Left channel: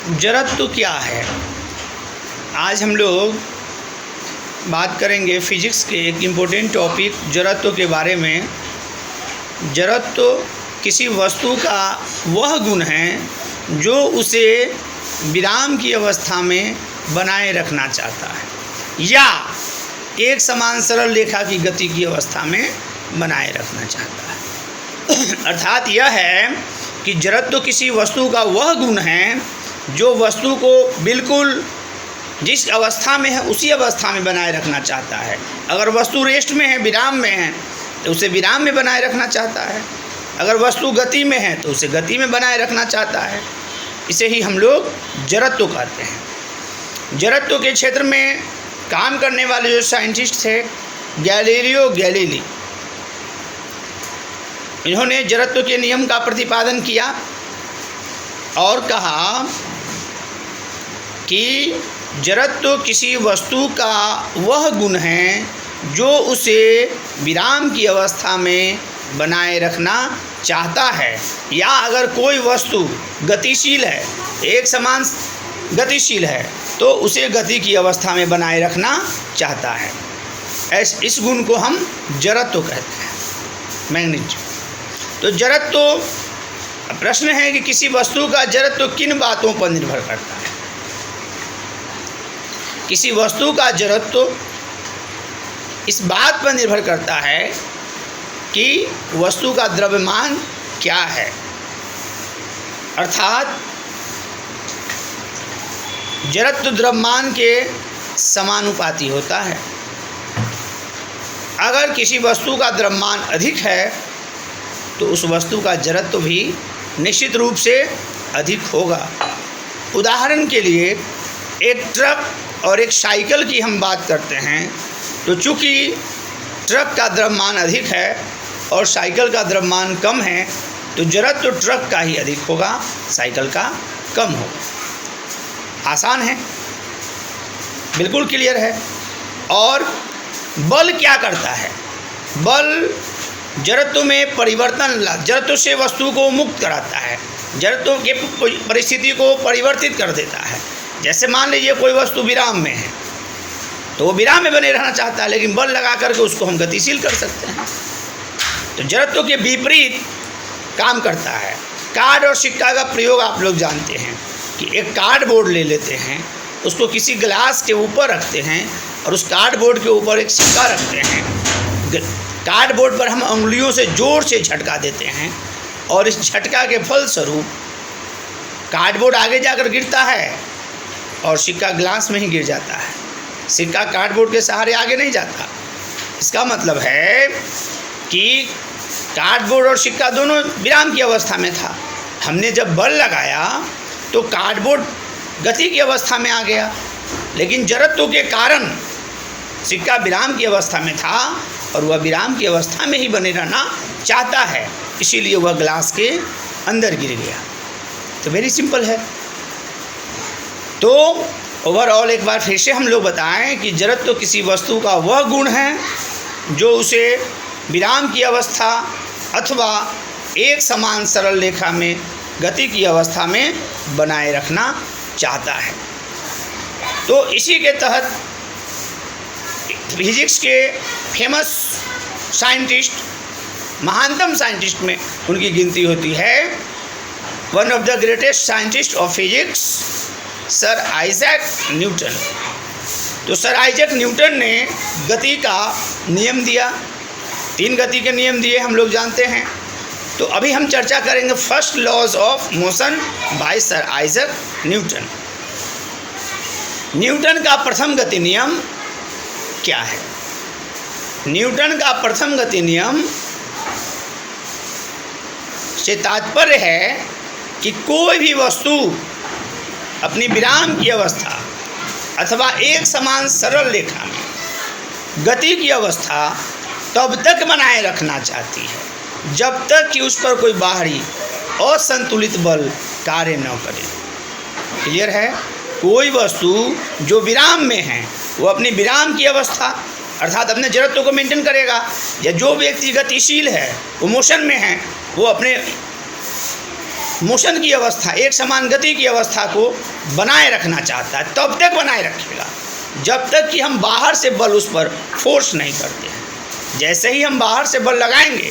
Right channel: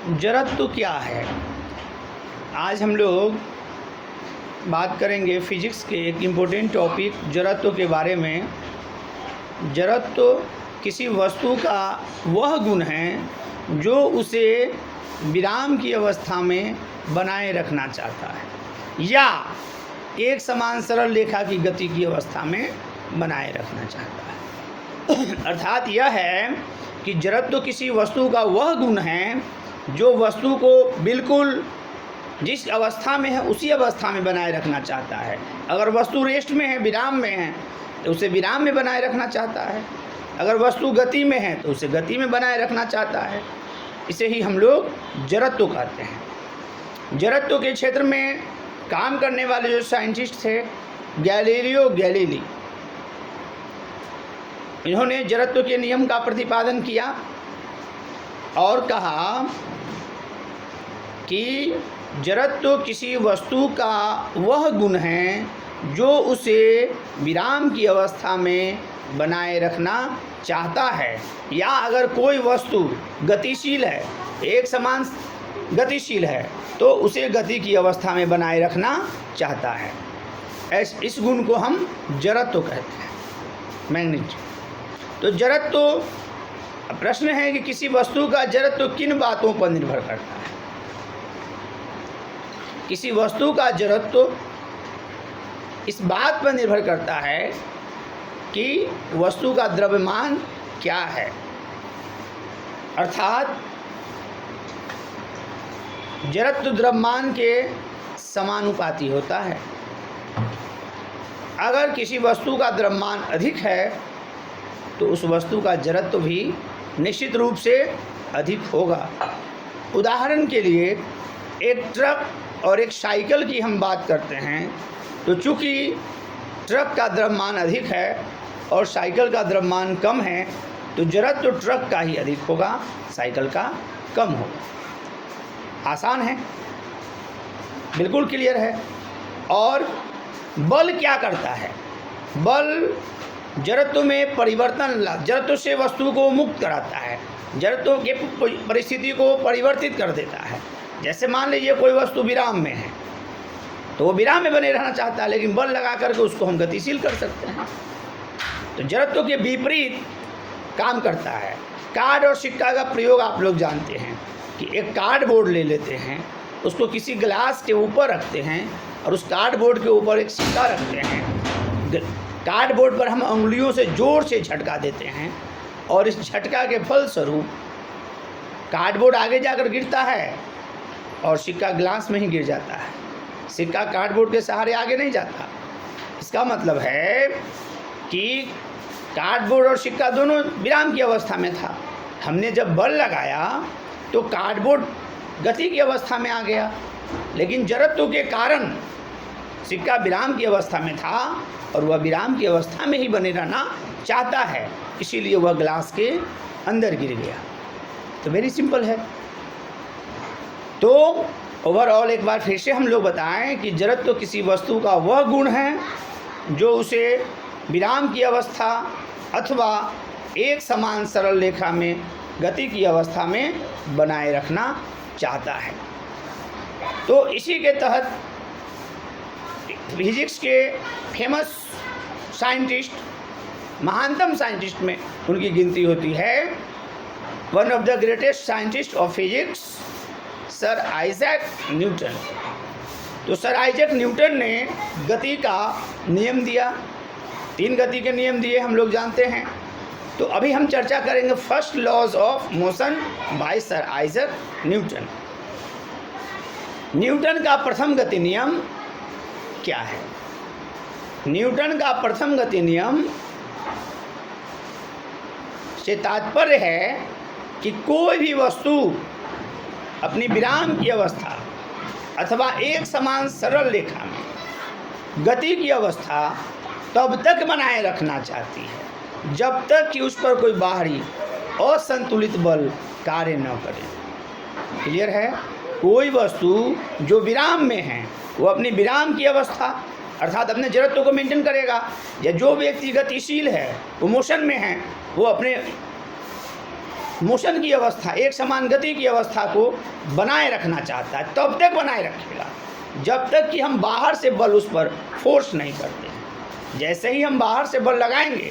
जड़त्व क्या है? आज हम लोग बात करेंगे फिजिक्स के एक इम्पोर्टेंट टॉपिक जड़त्व के बारे में। जड़त्व किसी वस्तु का वह गुण है जो उसे विराम की अवस्था में बनाए रखना चाहता है या एक समान सरल रेखा की गति की अवस्था में बनाए रखना चाहता है। अर्थात यह है कि जड़त्व किसी वस्तु का वह गुण है जो वस्तु को बिल्कुल जिस अवस्था में है उसी अवस्था में बनाए रखना चाहता है। अगर वस्तु रेस्ट में है, विराम में है, तो उसे विराम में बनाए रखना चाहता है। अगर वस्तु गति में है तो उसे गति में बनाए रखना चाहता है। इसे ही हम लोग जड़त्व कहते हैं। जड़त्व के क्षेत्र में काम करने वाले जो साइंटिस्ट थे गैलीलियो गैलीली, इन्होंने जड़त्व के नियम का प्रतिपादन किया और कहा कि जड़त्व किसी वस्तु का वह गुण है जो उसे विराम की अवस्था में बनाए रखना चाहता है। या अगर कोई वस्तु गतिशील है, एक समान गतिशील है, तो उसे गति की अवस्था में बनाए रखना चाहता है। इस गुण को हम जड़त्व कहते हैं, मैग्नेटिज्म। तो जड़त्व, प्रश्न है कि किसी वस्तु का जड़त्व किन बातों पर निर्भर करता है। किसी वस्तु का जड़त्व इस बात पर निर्भर करता है कि वस्तु का द्रव्यमान क्या है, अर्थात जड़त्व द्रव्यमान के समानुपाती होता है। अगर किसी वस्तु का द्रव्यमान अधिक है तो उस वस्तु का जड़त्व भी निश्चित रूप से अधिक होगा। उदाहरण के लिए एक ट्रक और एक साइकिल की हम बात करते हैं, तो चूँकि ट्रक का द्रव्यमान अधिक है और साइकिल का द्रव्यमान कम है, तो जड़त्व ट्रक का ही अधिक होगा, साइकिल का कम होगा। आसान है, बिल्कुल क्लियर है। और बल क्या करता है? बल जड़त्व में परिवर्तन, जड़त्व से वस्तु को मुक्त कराता है, जड़त्व के परिस्थिति को परिवर्तित कर देता है। जैसे मान लीजिए कोई वस्तु विराम में है तो वो विराम में बने रहना चाहता है, लेकिन बल लगा करके उसको हम गतिशील कर सकते हैं। तो जड़त्व के विपरीत काम करता है। कार्ड और सिक्का का प्रयोग आप लोग जानते हैं कि एक कार्डबोर्ड ले लेते हैं, उसको किसी गिलास के ऊपर रखते हैं और उस कार्डबोर्ड के ऊपर एक सिक्का रखते हैं। कार्डबोर्ड पर हम उंगलियों से जोर से झटका देते हैं और इस झटका के फलस्वरूप कार्डबोर्ड आगे जाकर गिरता है और सिक्का गिलास में ही गिर जाता है। सिक्का कार्डबोर्ड के सहारे आगे नहीं जाता। इसका मतलब है कि कार्डबोर्ड और सिक्का दोनों विराम की अवस्था में था। हमने जब बल लगाया तो कार्डबोर्ड गति की अवस्था में आ गया, लेकिन जड़त्व के कारण सिक्का विराम की अवस्था में था और वह विराम की अवस्था में ही बने रहना चाहता है, इसीलिए वह गिलास के अंदर गिर गया। तो वेरी सिंपल है। तो ओवरऑल एक बार फिर से हम लोग बताएं कि जड़त्व किसी वस्तु का वह गुण है जो उसे विराम की अवस्था अथवा एक समान सरल रेखा में गति की अवस्था में बनाए रखना चाहता है। तो इसी के तहत फिजिक्स के फेमस साइंटिस्ट, महानतम साइंटिस्ट में उनकी गिनती होती है। One of the greatest scientist of physics sir Isaac Newton. तो सर आइजैक न्यूटन ने गति का नियम दिया, 3 गति के नियम दिए, हम लोग जानते हैं। तो अभी हम चर्चा करेंगे first laws of motion by sir Isaac Newton. Newton का प्रथम गति नियम क्या है? न्यूटन का प्रथम गति नियम से तात्पर्य है कि कोई भी वस्तु अपनी विराम की अवस्था अथवा एक समान सरल रेखा में गति की अवस्था तब तक बनाए रखना चाहती है जब तक कि उस पर कोई बाहरी असंतुलित बल कार्य न करे। क्लियर है? कोई वस्तु जो विराम में है वो अपनी विराम की अवस्था अर्थात अपने जड़त्व को मेंटेन करेगा, या जो व्यक्ति गतिशील है वो मोशन में है वो अपने मोशन की अवस्था, एक समान गति की अवस्था को बनाए रखना चाहता है, तब तक बनाए रखेगा जब तक कि हम बाहर से बल उस पर फोर्स नहीं करते हैं। जैसे ही हम बाहर से बल लगाएंगे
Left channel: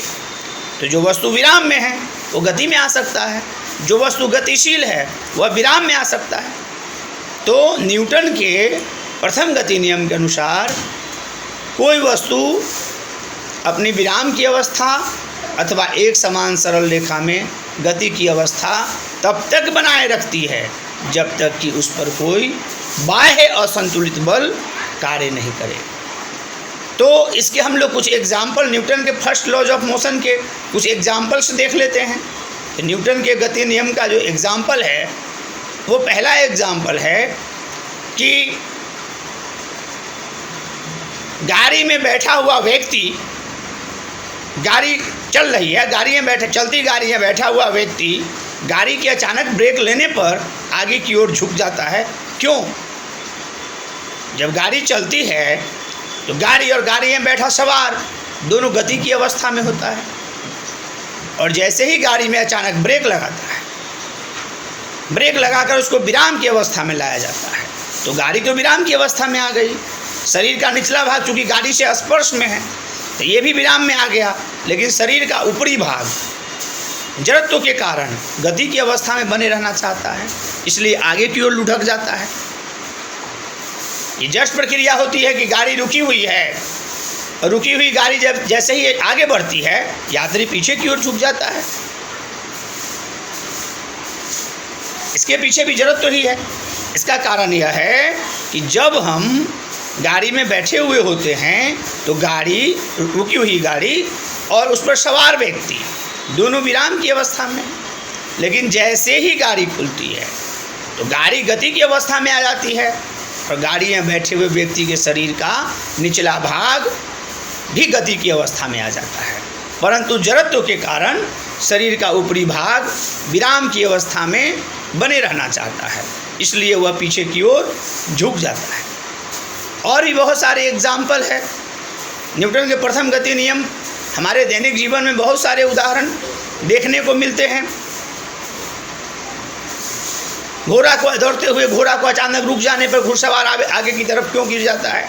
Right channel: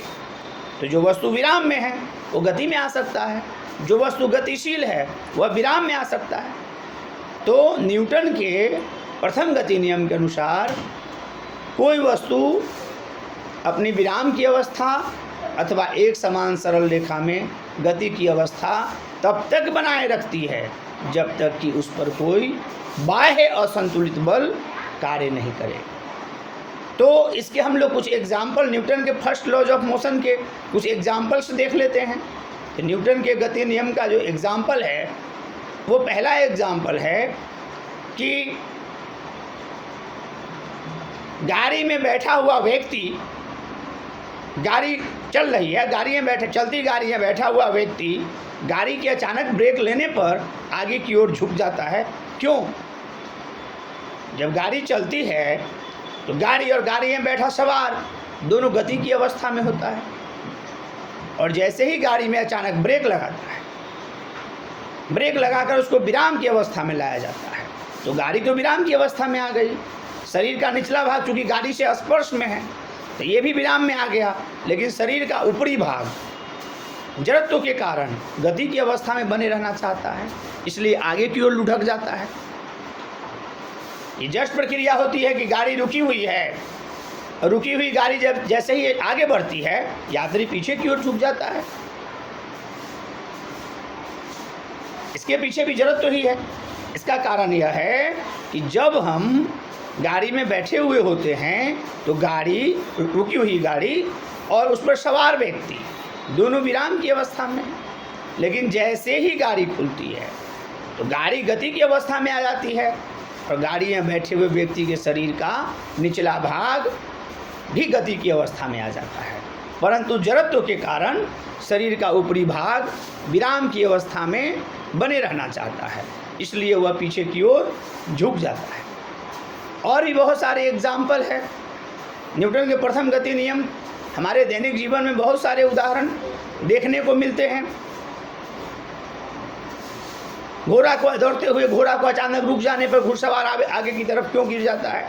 तो जो वस्तु विराम में है वो गति में आ सकता है, जो वस्तु गतिशील है वह विराम में आ सकता है। तो न्यूटन के प्रथम गति नियम के अनुसार कोई वस्तु अपनी विराम की अवस्था अथवा एक समान सरल रेखा में गति की अवस्था तब तक बनाए रखती है जब तक कि उस पर कोई बाह्य असंतुलित बल कार्य नहीं करे। तो इसके हम लोग कुछ एग्जाम्पल, न्यूटन के फर्स्ट लॉज ऑफ मोशन के कुछ एग्जाम्पल्स देख लेते हैं। न्यूटन के गति नियम का जो एग्जाम्पल है वो पहला एग्जाम्पल है कि गाड़ी में बैठा हुआ व्यक्ति, गाड़ी चल रही है, गाड़ी में चलती गाड़ी में बैठा हुआ व्यक्ति गाड़ी के अचानक ब्रेक लेने पर आगे की ओर झुक जाता है। क्यों? जब गाड़ी चलती है तो गाड़ी और गाड़ी में बैठा सवार दोनों गति की अवस्था में होता है, और जैसे ही गाड़ी में अचानक ब्रेक लगाता है, ब्रेक लगाकर उसको विराम की अवस्था में लाया जाता है, तो गाड़ी तो विराम की अवस्था में आ गई। शरीर का निचला भाग चूँकि गाड़ी से स्पर्श में है तो ये भी विराम में आ गया, लेकिन शरीर का ऊपरी भाग जड़त्व के कारण गति की अवस्था में बने रहना चाहता है, इसलिए आगे की ओर लुढ़क जाता है। ये जस्ट प्रक्रिया होती है कि गाड़ी रुकी हुई है, रुकी हुई गाड़ी जब जैसे ही आगे बढ़ती है यात्री पीछे की ओर झुक जाता है। इसके पीछे भी जरूरत तो ही है। इसका कारण यह है कि जब हम गाड़ी में बैठे हुए होते हैं तो गाड़ी, रुकी हुई गाड़ी और उस पर सवार व्यक्ति दोनों विराम की अवस्था में, लेकिन जैसे ही गाड़ी खुलती है तो गाड़ी गति की अवस्था में आ जाती है और गाड़ी में बैठे हुए व्यक्ति के शरीर का निचला भाग भी गति की अवस्था में आ जाता है, परंतु जड़त्व के कारण शरीर का ऊपरी भाग विराम की अवस्था में बने रहना चाहता है, इसलिए वह पीछे की ओर झुक जाता है। और भी बहुत सारे एग्जाम्पल है न्यूटन के प्रथम गति नियम। हमारे दैनिक जीवन में बहुत सारे उदाहरण देखने को मिलते हैं। घोड़ा को दौड़ते हुए घोड़ा को अचानक रुक जाने पर घुड़सवार आगे की तरफ क्यों गिर जाता है,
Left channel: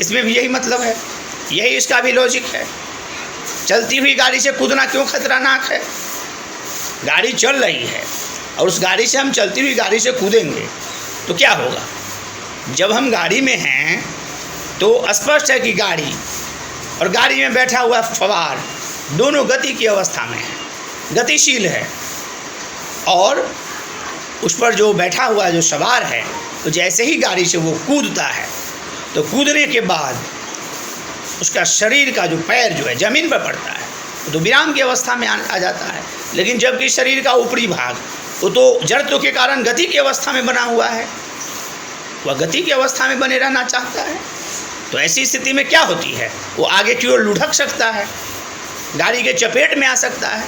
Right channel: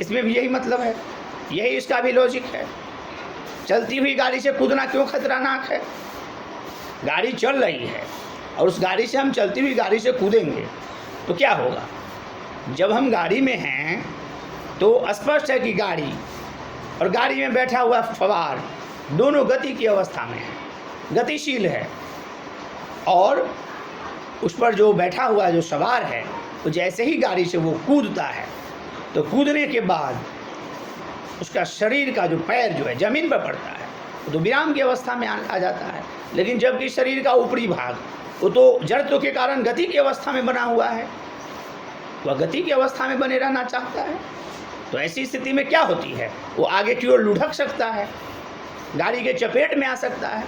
इसमें भी यही मतलब है, यही इसका भी लॉजिक है। चलती हुई गाड़ी से कूदना क्यों खतरनाक है? गाड़ी चल रही है और उस गाड़ी से हम चलती हुई गाड़ी से कूदेंगे तो क्या होगा? जब हम गाड़ी में हैं तो स्पष्ट है कि गाड़ी और गाड़ी में बैठा हुआ सवार दोनों गति की अवस्था में है, गतिशील है, और उस पर जो बैठा हुआ जो सवार है तो जैसे ही गाड़ी से वो कूदता है तो कूदने के बाद उसका शरीर का जो पैर जो है ज़मीन पर पड़ता है तो विराम की अवस्था में आ जाता है, लेकिन जबकि शरीर का ऊपरी भाग वो तो जड़त्व के कारण गति की अवस्था में बना हुआ है, वह गति की अवस्था में बने रहना चाहता है। तो ऐसी स्थिति में क्या होती है? वो आगे की ओर लुढ़क सकता है, गाड़ी के चपेट में आ सकता है,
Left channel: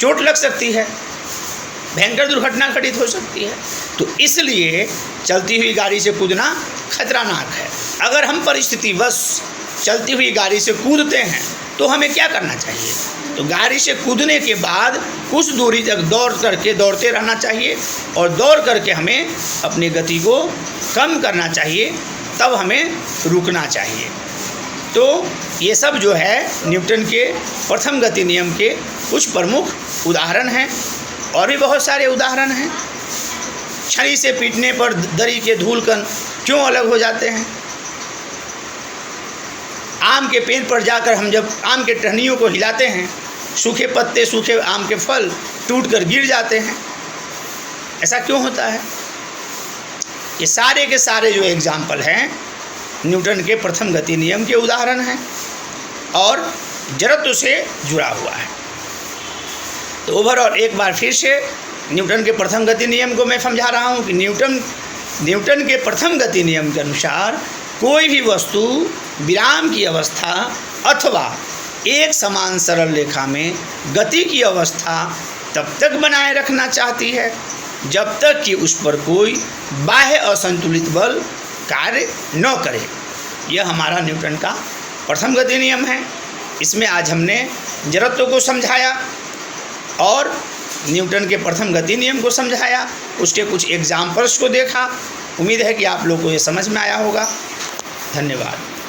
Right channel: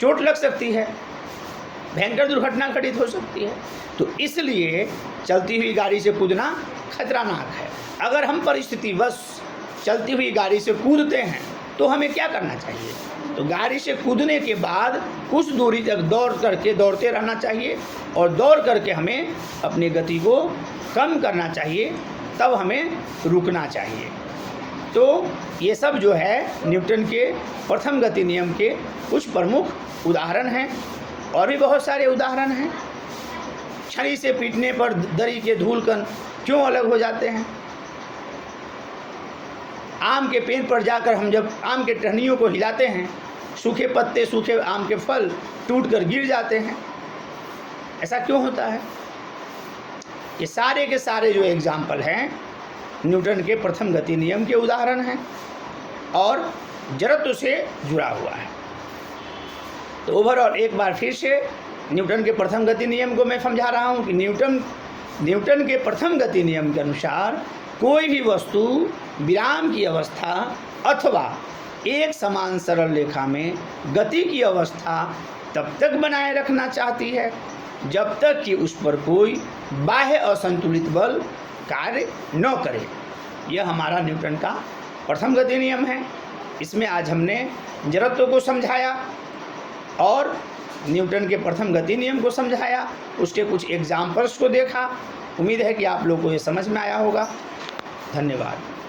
चोट लग सकती है, भयंकर दुर्घटना घटित हो सकती है। तो इसलिए चलती हुई गाड़ी से कूदना खतरनाक है। अगर हम परिस्थितिवश चलती हुई गाड़ी से कूदते हैं तो हमें क्या करना चाहिए? तो गाड़ी से कूदने के बाद कुछ दूरी तक दौड़ते रहना चाहिए और दौड़ करके हमें अपनी गति को कम करना चाहिए, तब हमें रुकना चाहिए। तो ये सब जो है न्यूटन के प्रथम गति नियम के कुछ प्रमुख उदाहरण हैं, और भी बहुत सारे उदाहरण हैं। छड़ी से पीटने पर दरी के धूलकण क्यों अलग हो जाते हैं? आम के पेड़ पर जाकर हम जब आम के टहनियों को हिलाते हैं, सूखे पत्ते, सूखे आम के फल टूटकर गिर जाते हैं, ऐसा क्यों होता है? ये सारे के सारे जो एग्जाम्पल हैं न्यूटन के प्रथम गति नियम के उदाहरण हैं और जड़त्व से जुड़ा हुआ है। तो ओवरऑल एक बार फिर से न्यूटन के प्रथम गति नियम को मैं समझा रहा हूँ कि न्यूटन के प्रथम गति नियम के अनुसार कोई भी वस्तु विराम की अवस्था अथवा एक समान सरल रेखा में गति की अवस्था तब तक बनाए रखना चाहती है जब तक कि उस पर कोई बाह्य असंतुलित बल कार्य न करे। यह हमारा न्यूटन का प्रथम गति नियम है। इसमें आज हमने जड़त्व को समझाया और न्यूटन के प्रथम गति नियम को समझाया, उसके कुछ एग्जाम्पल्स को देखा। उम्मीद है कि आप लोग को ये समझ में आया होगा। धन्यवाद।